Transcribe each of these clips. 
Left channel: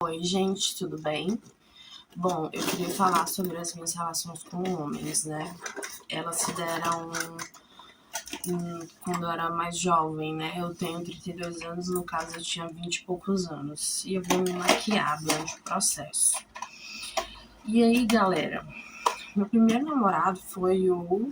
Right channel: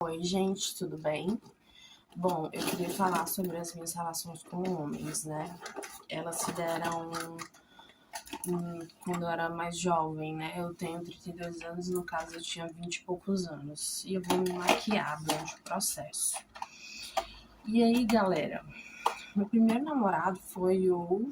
Oi, gente, tudo bem? Bom, eu queria falar sobre as minhas relações com homens, né? Elas se deram quando eu era mais jovem, né? Eu tenho 32 anos, no caso eu tinha 20 e poucos anos. E eu vou me maquiar durante o processo. E aí, galera, meu primeiro namorado foi o... O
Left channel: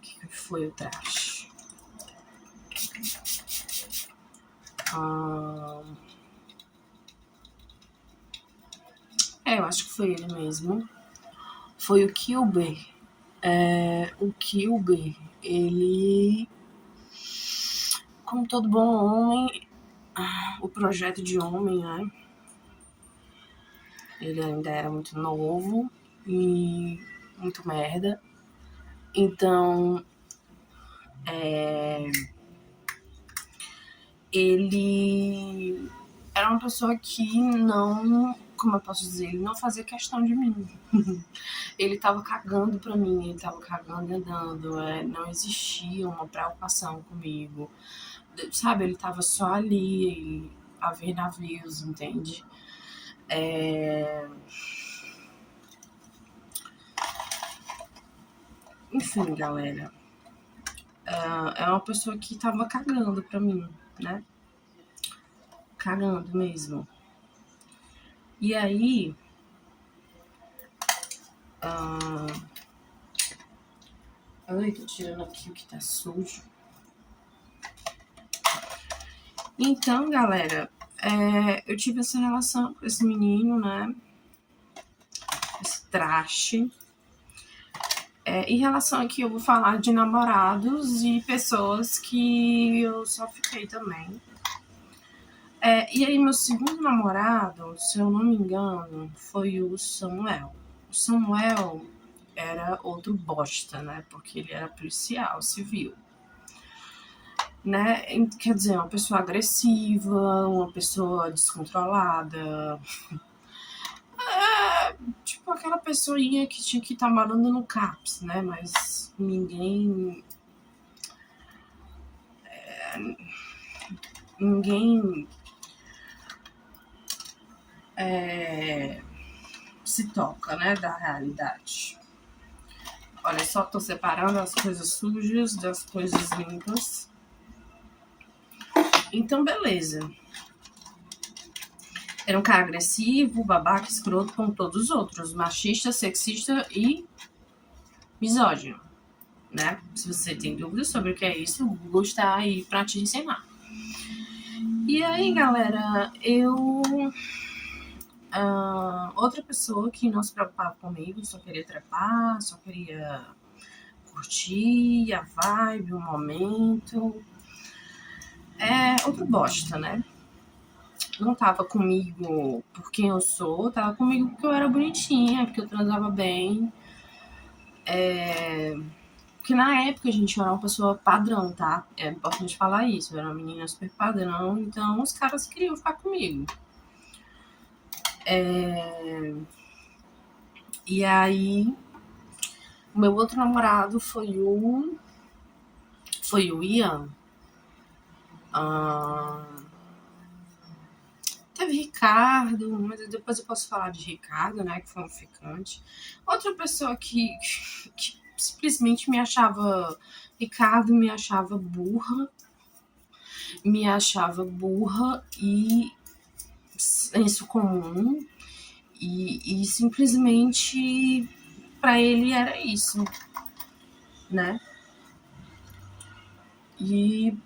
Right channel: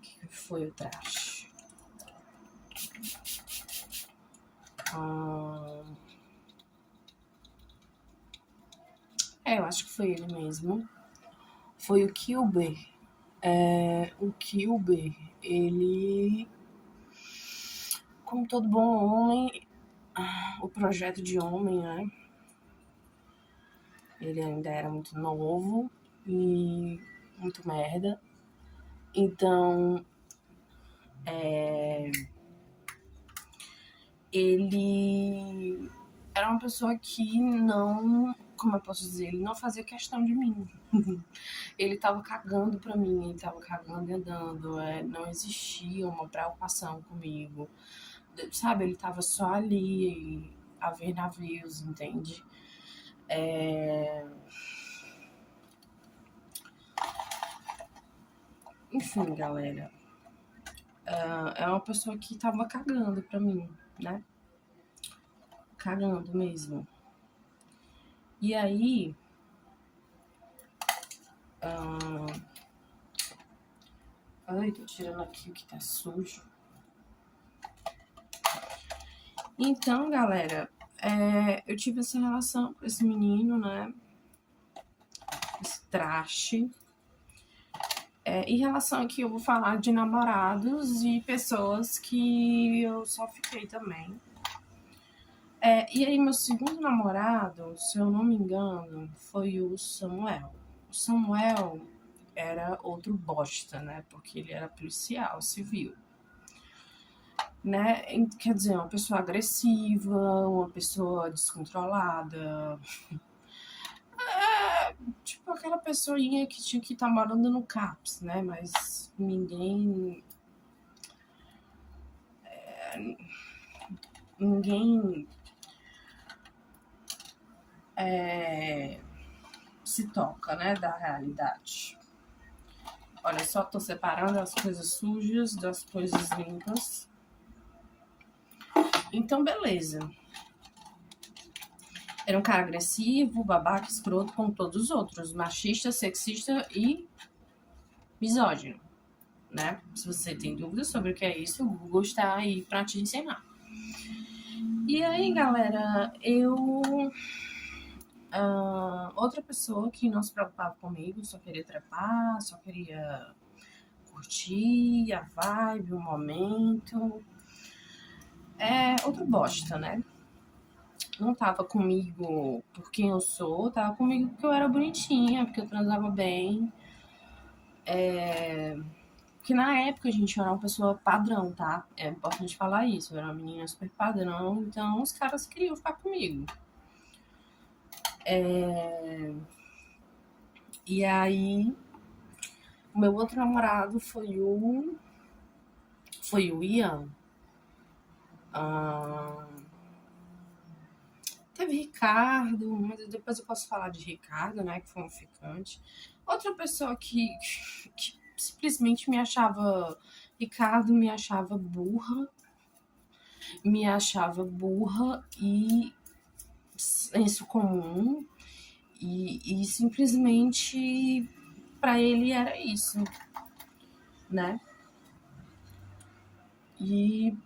que foi o trash? Eu acho que foi ele mesmo. Foi o Kilber. O Kilber, ele, como todo bom homem, o projeto de homem, né? Ele ainda era muito novo e muito merda. Então, ele era uma pessoa que não, como eu posso dizer, ele não fazia questão de mim. Ele tava cagando pra mim, ele tava cagando e andando, não existia uma preocupação comigo, sabe? Ele tava só ali a ver navios, entende? Enfim, galera, é uma pessoa que tava cagando pra mim, né? Cagando mesmo. E aí, ai, tô tirando aqui o que tá sujo. Então, galera, eu tive essa relação com esse menino, né? Esse traste. Em relação aqui, eu vou falar de namorados e pessoas que eu só fiquei também. E aí, meu segundo namorado, se eu não me engano, foi o Samuel. O Samuel era outro bosta, né? Porque ele era policial civil. Né? Quer dizer, uma pessoa agressiva, uma pessoa descontrolada. Tipo aquela pessoinha que tinha que estar morando no CAPS, né? Mas ninguém se toca, né, da realidade. Olha só, tô separando as coisas sujas das coisas limpas. Então, beleza. Era um cara agressivo, babaca, escroto, como todos os outros. Machista, sexista e misógino, né? Se você tem dúvidas sobre o que é isso, o Google está aí pra te ensinar. E aí, galera, outra pessoa que não se preocupava comigo, só queria trepar, só queria curtir a vibe, o momento. Outro bosta, né? Não tava comigo por quem eu sou, tava comigo porque eu era bonitinha, porque eu transava bem. Porque na época, gente, eu era uma pessoa padrão, tá? É importante falar isso. Eu era uma menina super padrão, então os caras queriam ficar comigo. E aí, o meu outro namorado foi o Ian. Teve Ricardo, mas depois eu posso falar de Ricardo, né? Que foi um ficante. Outra pessoa que simplesmente me achava... Ricardo me achava burra. E senso comum. E simplesmente pra ele era isso, né? E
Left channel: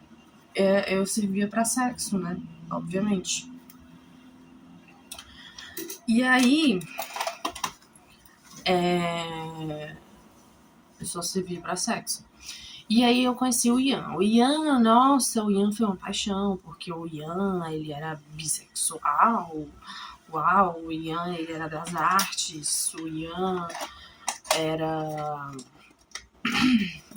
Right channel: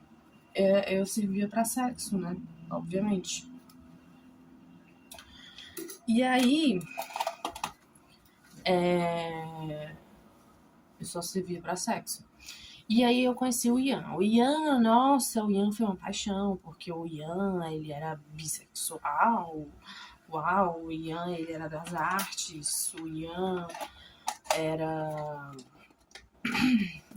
eu servia pra sexo, né? Obviamente. E aí, eu só servia pra sexo. E aí eu conheci o Ian. O Ian foi uma paixão, porque o Ian, ele era bissexual. Uau, o Ian, ele era das artes. O Ian era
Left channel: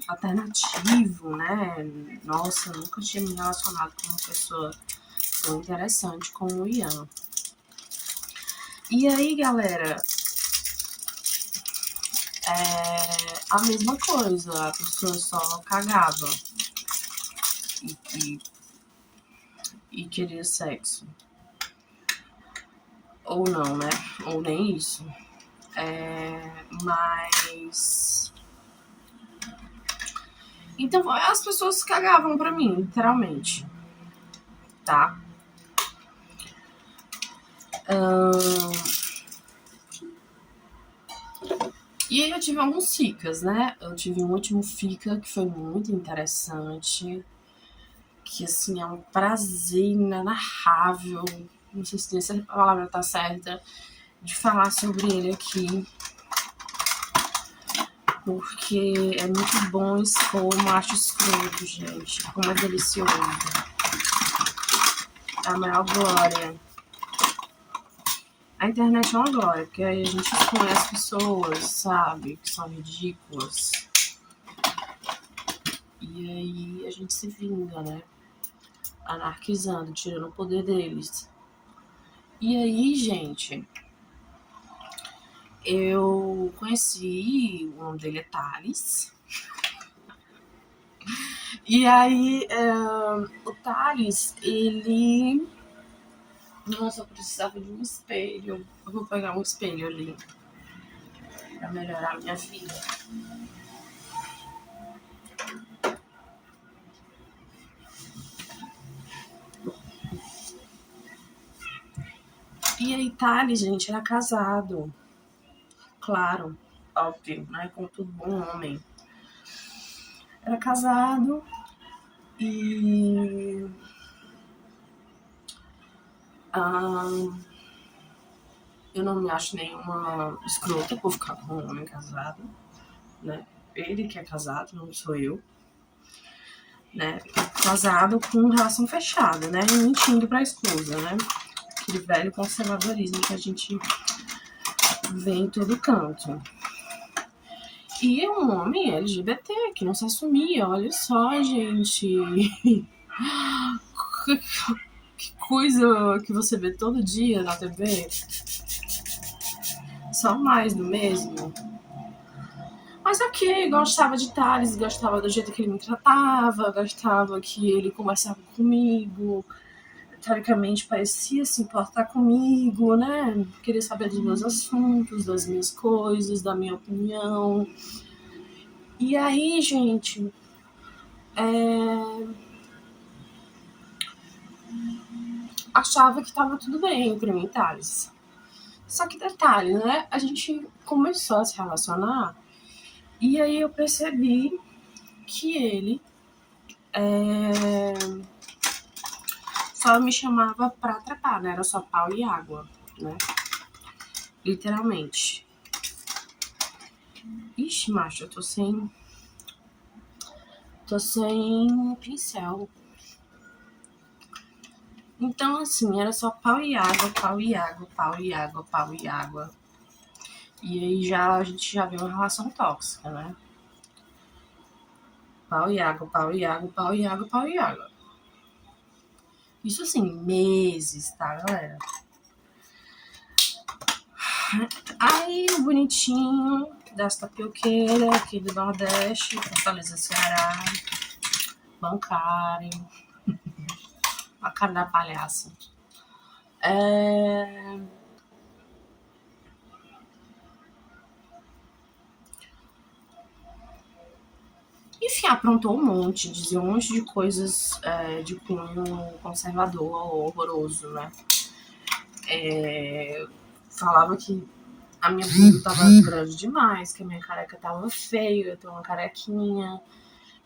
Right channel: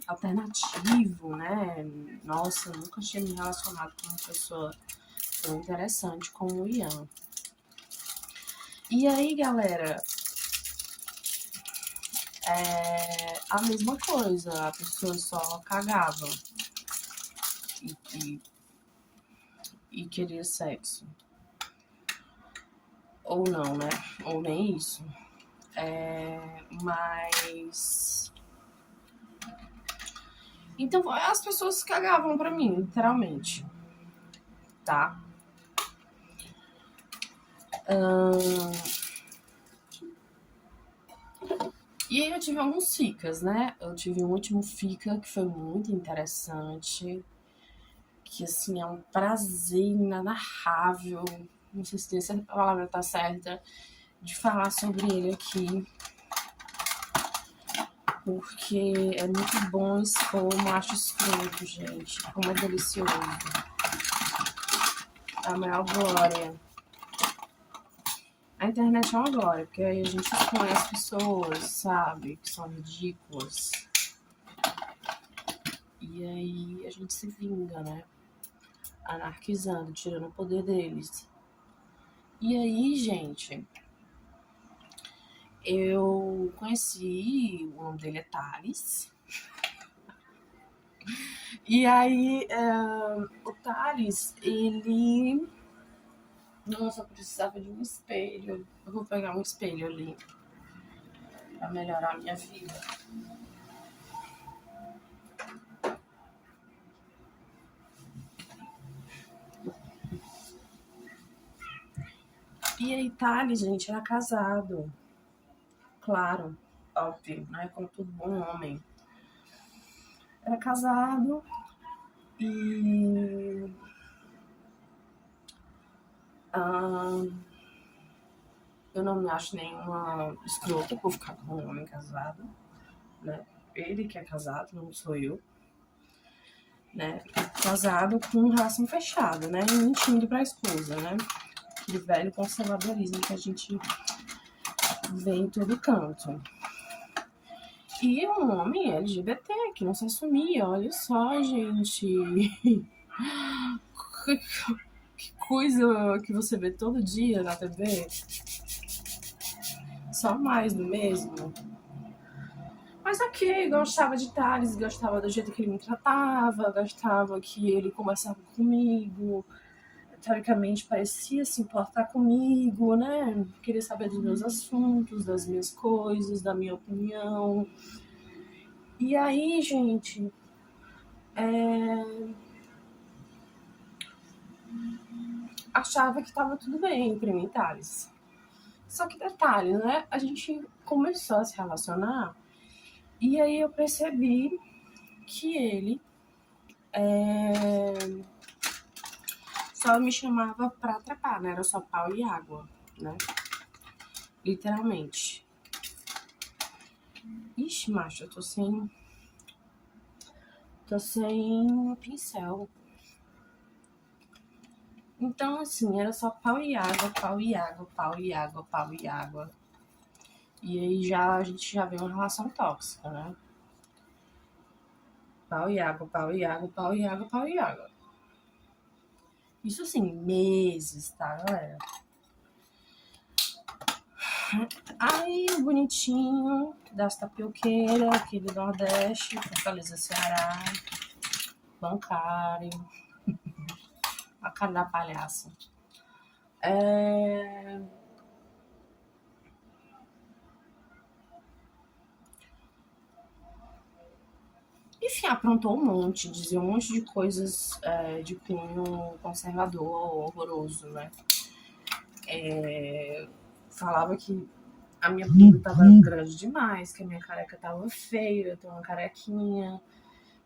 alternativo, né? Nossa, eu nunca tinha me relacionado com uma pessoa tão interessante como o Ian. E aí, galera, a mesma coisa, a pessoa só cagava e queria sexo. Ou não, né? Ou nem isso. Mas... Então, as pessoas cagavam pra mim, literalmente. Tá? E aí eu tive alguns ficas, né? Eu tive um último fica que foi muito interessante. Que, assim, é um prazer inenarrável. Não sei se essa palavra tá certa. De falar sobre ele aqui. Porque é muito bom expor o macho escroto, gente. Como é delicioso. É a maior glória. A internet é uma glória, porque aí a gente expõe as pessoas, sabe? Que são ridículas. E aí a gente se vinga, né? Anarquizando, tirando o poder deles. E aí, gente, eu conheci, o nome dele é Thales. E aí, o Thales, ele... Nossa, eu precisava de um espelho. Eu vou pegar um espelho ali pra melhorar a minha vida. E aí, Thales, gente, era casado. Claro, óbvio, né? Como todo bom homem. Era casado e... eu não me acho nenhuma escrota por ficar com um homem casado, né? Ele que é casado, não sou eu. Né? Casado com relação fechada, né? E mentindo pra esposa, né? Aquele velho conservadorismo que a gente vê em todo canto. E é um homem LGBT que não se assumia, olha só, gente. Que coisa que você vê todo dia na TV. Só mais do mesmo. Mas ok, gostava de Thales, gostava do jeito que ele me tratava, gostava que ele conversava comigo, teoricamente parecia se importar comigo, né? Queria saber dos meus assuntos, das minhas coisas, da minha opinião. E aí, gente, achava que tava tudo bem entre mim e Thales. Só que detalhe, né? A gente começou a se relacionar e aí eu percebi que ele só me chamava pra trepar, né? Era só pau e água, né? Literalmente. Ixi, macho, eu tô sem pincel. Então, assim, era só pau e água, pau e água, pau e água, pau e água. E aí a gente já vê uma relação tóxica, né? Pau e água, pau e água, pau e água, pau e água. Isso assim, meses, tá, galera? Aí o bonitinho das tapioqueiras aqui do Nordeste, Fortaleza, Ceará, bancário, a cara da palhaça. Enfim, aprontou um monte, dizia um monte de coisas de cunho conservador, horroroso, né? Falava que a minha bunda tava grande demais, que a minha careca tava feia, eu tenho uma carequinha,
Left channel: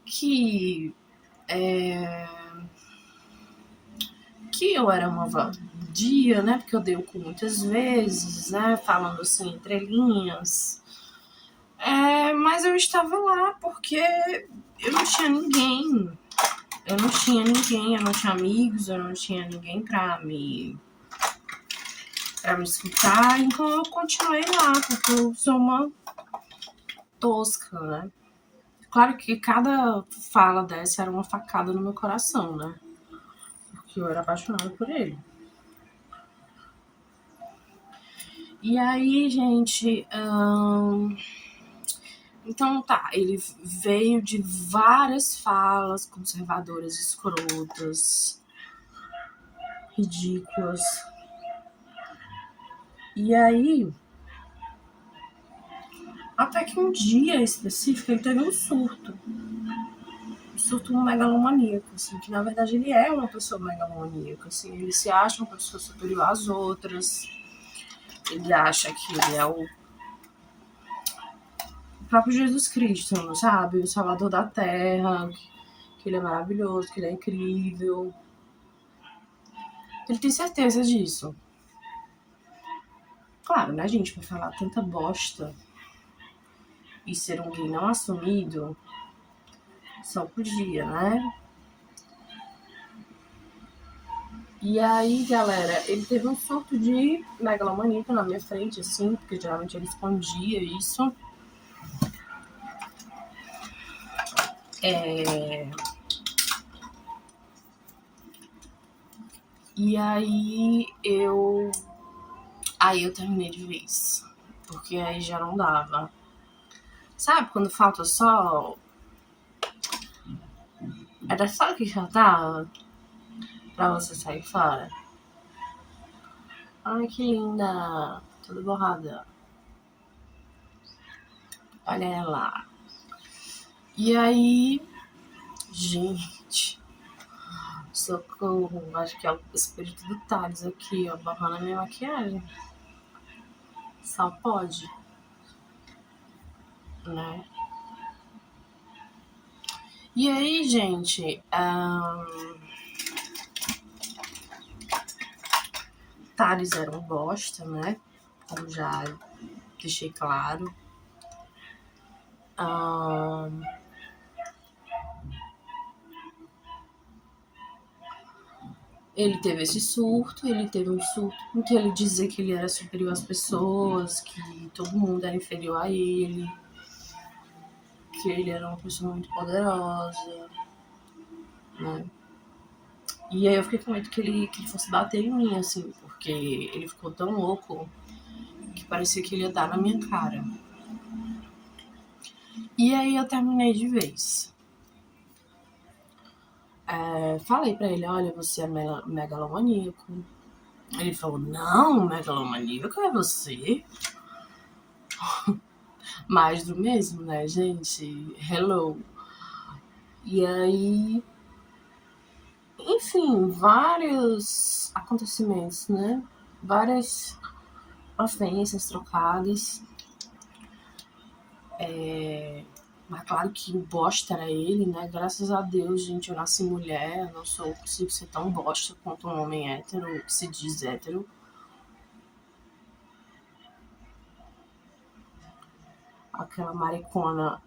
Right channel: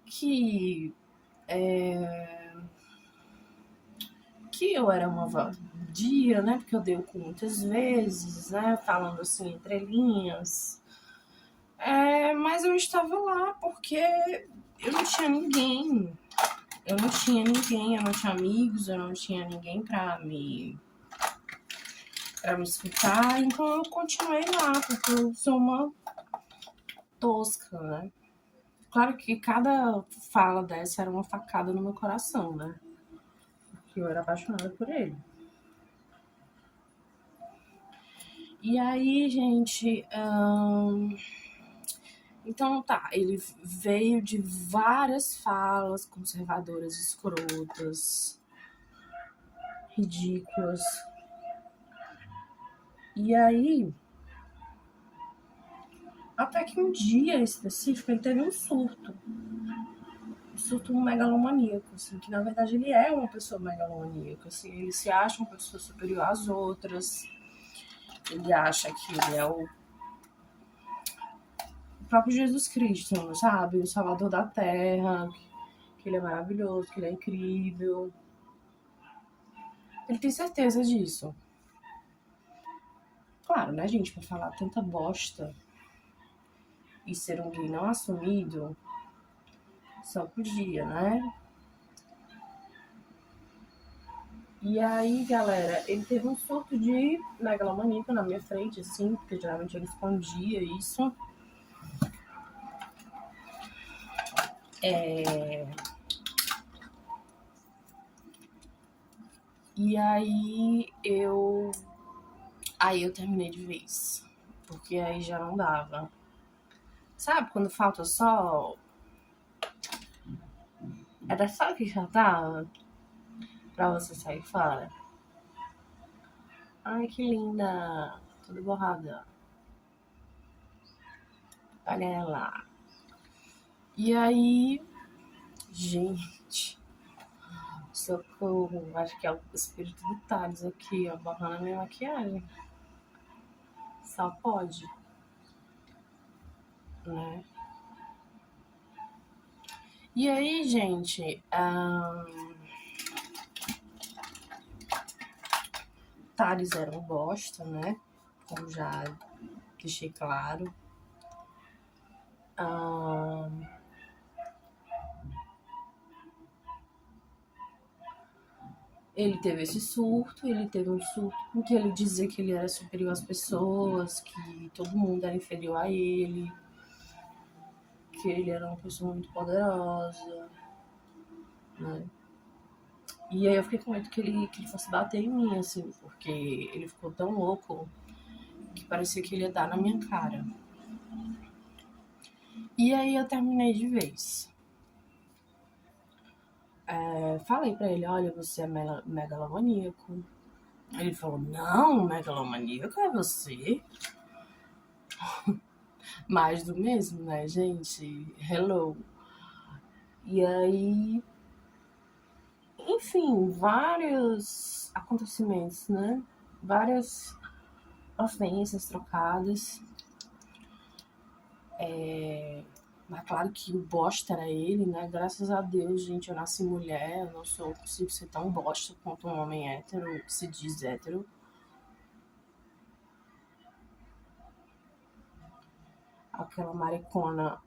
que eu era uma vadia, né? Porque eu dei o cu muitas vezes, né? Falando assim, entre linhas. Mas eu estava lá porque eu não tinha ninguém. Eu não tinha amigos, eu não tinha ninguém pra me escutar. Então eu continuei lá, porque eu sou uma tosca, né? Claro que cada fala dessa era uma facada no meu coração, né? Porque eu era apaixonada por ele. E aí, gente... Então tá, ele veio de várias falas conservadoras, escrotas, ridículas. E aí, até que um dia específico ele teve um surto megalomaníaco, assim, que na verdade ele é uma pessoa megalomaníaca, assim, ele se acha uma pessoa superior às outras, ele acha que ele é o próprio Jesus Cristo, sabe? O Salvador da Terra, que ele é maravilhoso, que ele é incrível. Ele tem certeza disso. Claro, né, gente, pra falar tanta bosta e ser um gay não assumido, só podia, né? E aí, galera, ele teve um surto de megalomaníaco na minha frente, assim, porque geralmente ele escondia isso. E aí eu terminei de vez, porque aí já não dava. Sabe quando falta só... Era só o que faltava pra você sair fora. Ai, que linda! Toda borrada. Olha ela. E aí... Gente... Socorro. Acho que é o espírito do Thales aqui, ó, barrando a minha maquiagem. Só pode. Né? E aí, gente... Thales era um bosta, né? Como já deixei claro. Ele teve esse surto, ele teve um surto em que ele dizia que ele era superior às pessoas, que todo mundo era inferior a ele, que ele era uma pessoa muito poderosa, né? E aí eu fiquei com medo que ele fosse bater em mim, assim, porque ele ficou tão louco que parecia que ele ia dar na minha cara. E aí eu terminei de vez. Falei pra ele, olha, você é megalomaníaco. Ele falou, não, megalomaníaco é você? Mais do mesmo, né, gente? Hello. E aí, enfim, vários acontecimentos, né? Várias ofensas trocadas. Mas claro que o bosta era ele, né? Graças a Deus, gente, eu nasci mulher, eu não consigo ser tão bosta quanto um homem hétero, que se diz hétero. Aquela maricona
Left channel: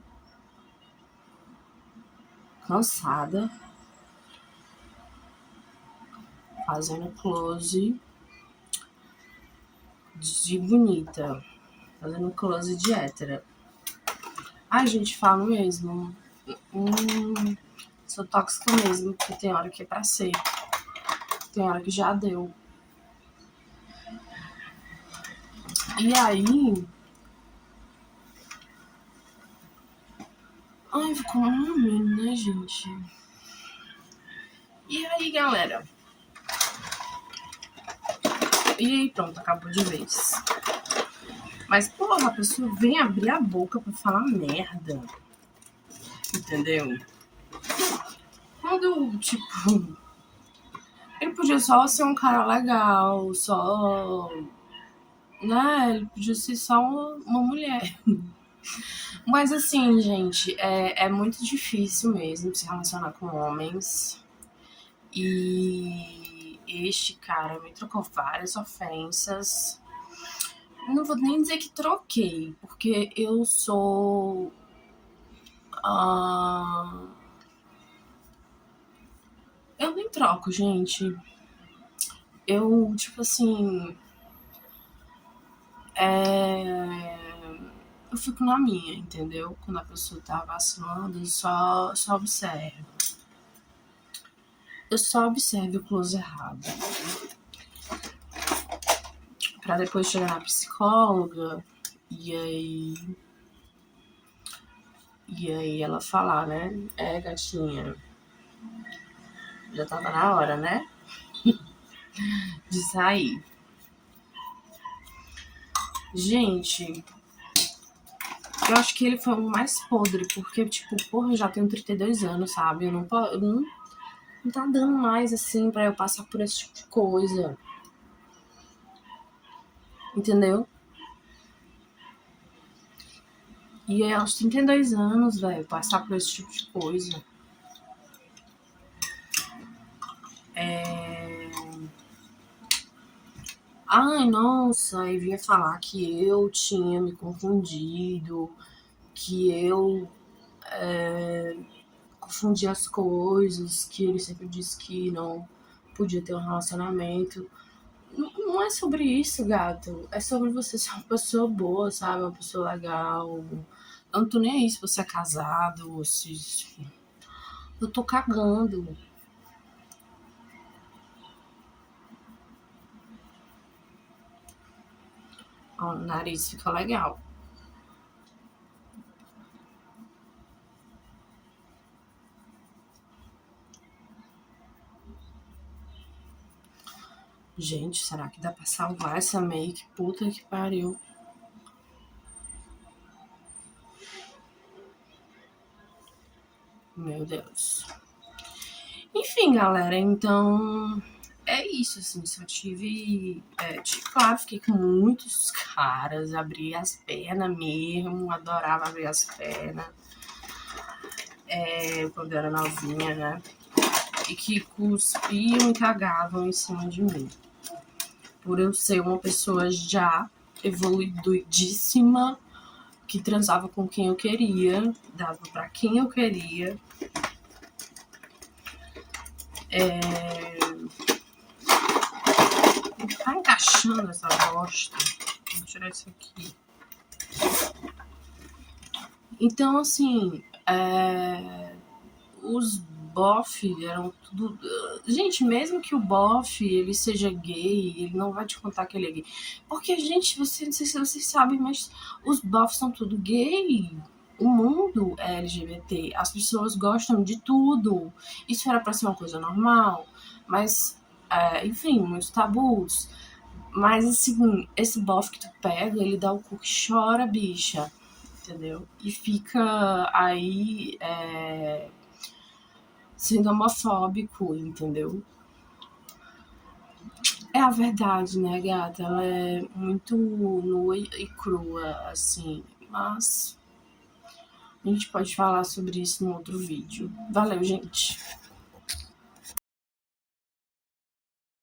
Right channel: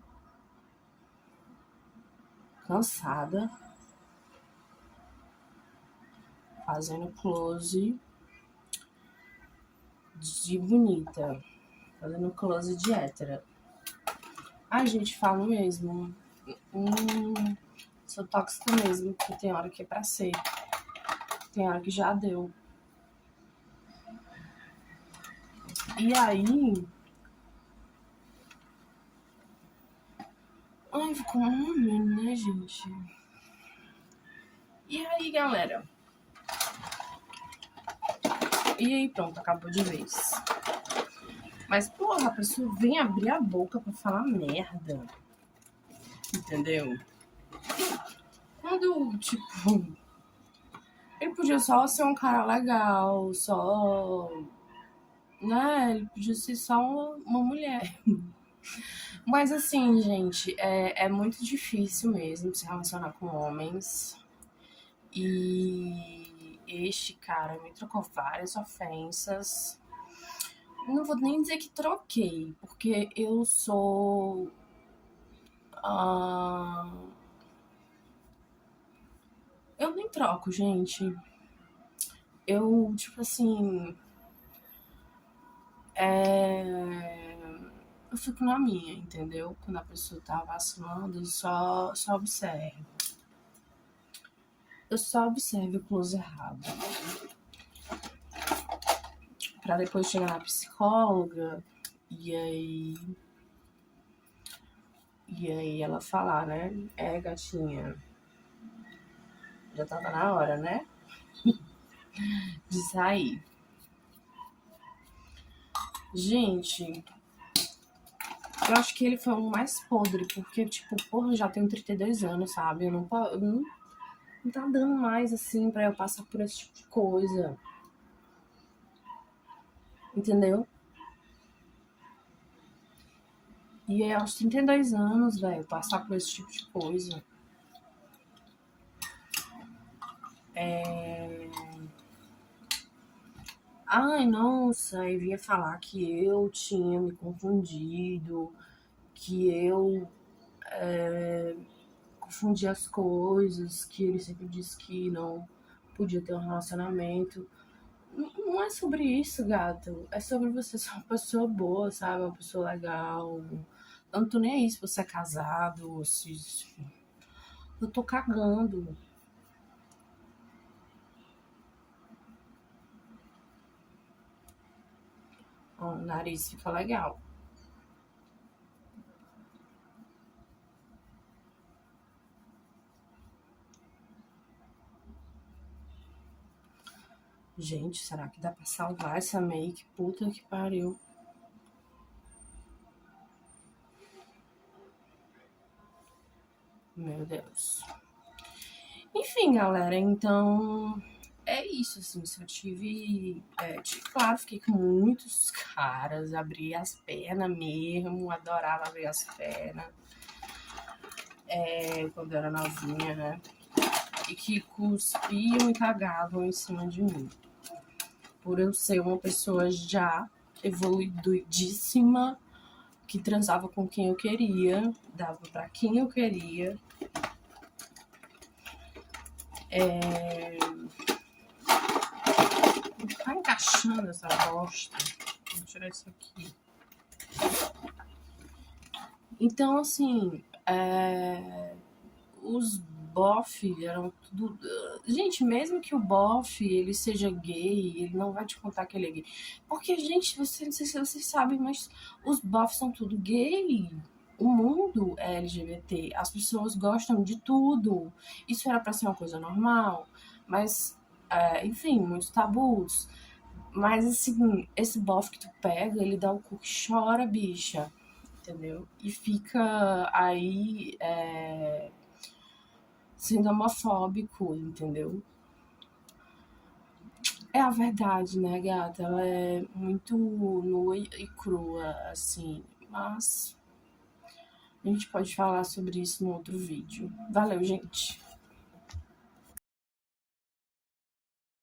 cansada, fazendo close de bonita, fazendo close de hétera. Ai, gente, falo mesmo. Sou tóxica mesmo, porque tem hora que é pra ser. Tem hora que já deu. E aí... Ai, ficou uma merda, né, gente? E aí, galera? E aí, pronto, acabou de vez. Mas, porra, a pessoa vem abrir a boca pra falar merda. Entendeu? Quando, tipo... Ele podia só ser um cara legal, só... Né? Ele podia ser só uma mulher. Mas assim, gente, é muito difícil mesmo se relacionar com homens. E este cara me trocou várias ofensas. Não vou nem dizer que troquei, porque eu sou... Eu nem troco, gente. Eu, tipo assim... Eu fico na minha, entendeu? Quando a pessoa tá vacilando, eu só observo. Eu só observo o close errado. Pra depois chegar na psicóloga e aí ela falar, né? Gatinha, já tava na hora, né? De sair. Gente, eu acho que ele foi o mais podre, porque, tipo, porra, eu já tenho 32 anos, sabe? Eu não tá dando mais, assim, pra eu passar por esse tipo de coisa. Entendeu? E é aos 32 anos, velho, passar por esse tipo de coisa. Ai, nossa, aí vinha falar que eu tinha me confundido, que eu confundi as coisas, que ele sempre disse que não podia ter um relacionamento. Não é sobre isso, gato. É sobre você ser uma pessoa boa, sabe? Uma pessoa legal. Eu não tô nem aí se você é casado, se. Eu tô cagando. Ó, o nariz fica legal. Gente, será que dá pra salvar essa make? Puta que pariu. Meu Deus. Enfim, galera, então é isso, assim, só tive, claro, fiquei com muitos caras, abri as pernas mesmo, adorava abrir as pernas, quando eu era novinha, né, e que cuspiam e cagavam em cima de mim, por eu ser uma pessoa já evoluidíssima, que transava com quem eu queria, dava pra quem eu queria, tá encaixando essa bosta. Vou tirar isso aqui. Então, assim, os bof eram tudo. Gente, mesmo que o bof ele seja gay, ele não vai te contar que ele é gay. Porque, gente, não sei se vocês sabem, mas os bofs são tudo gay. O mundo é LGBT. As pessoas gostam de tudo. Isso era pra ser uma coisa normal. Mas, enfim, muitos tabus. Mas, assim, esse bofe que tu pega, ele dá o cu que chora, bicha. Entendeu? E fica aí sendo homofóbico, entendeu? É a verdade, né, gata? Ela é muito nua e crua, assim. Mas a gente pode falar sobre isso no outro vídeo. Valeu, gente!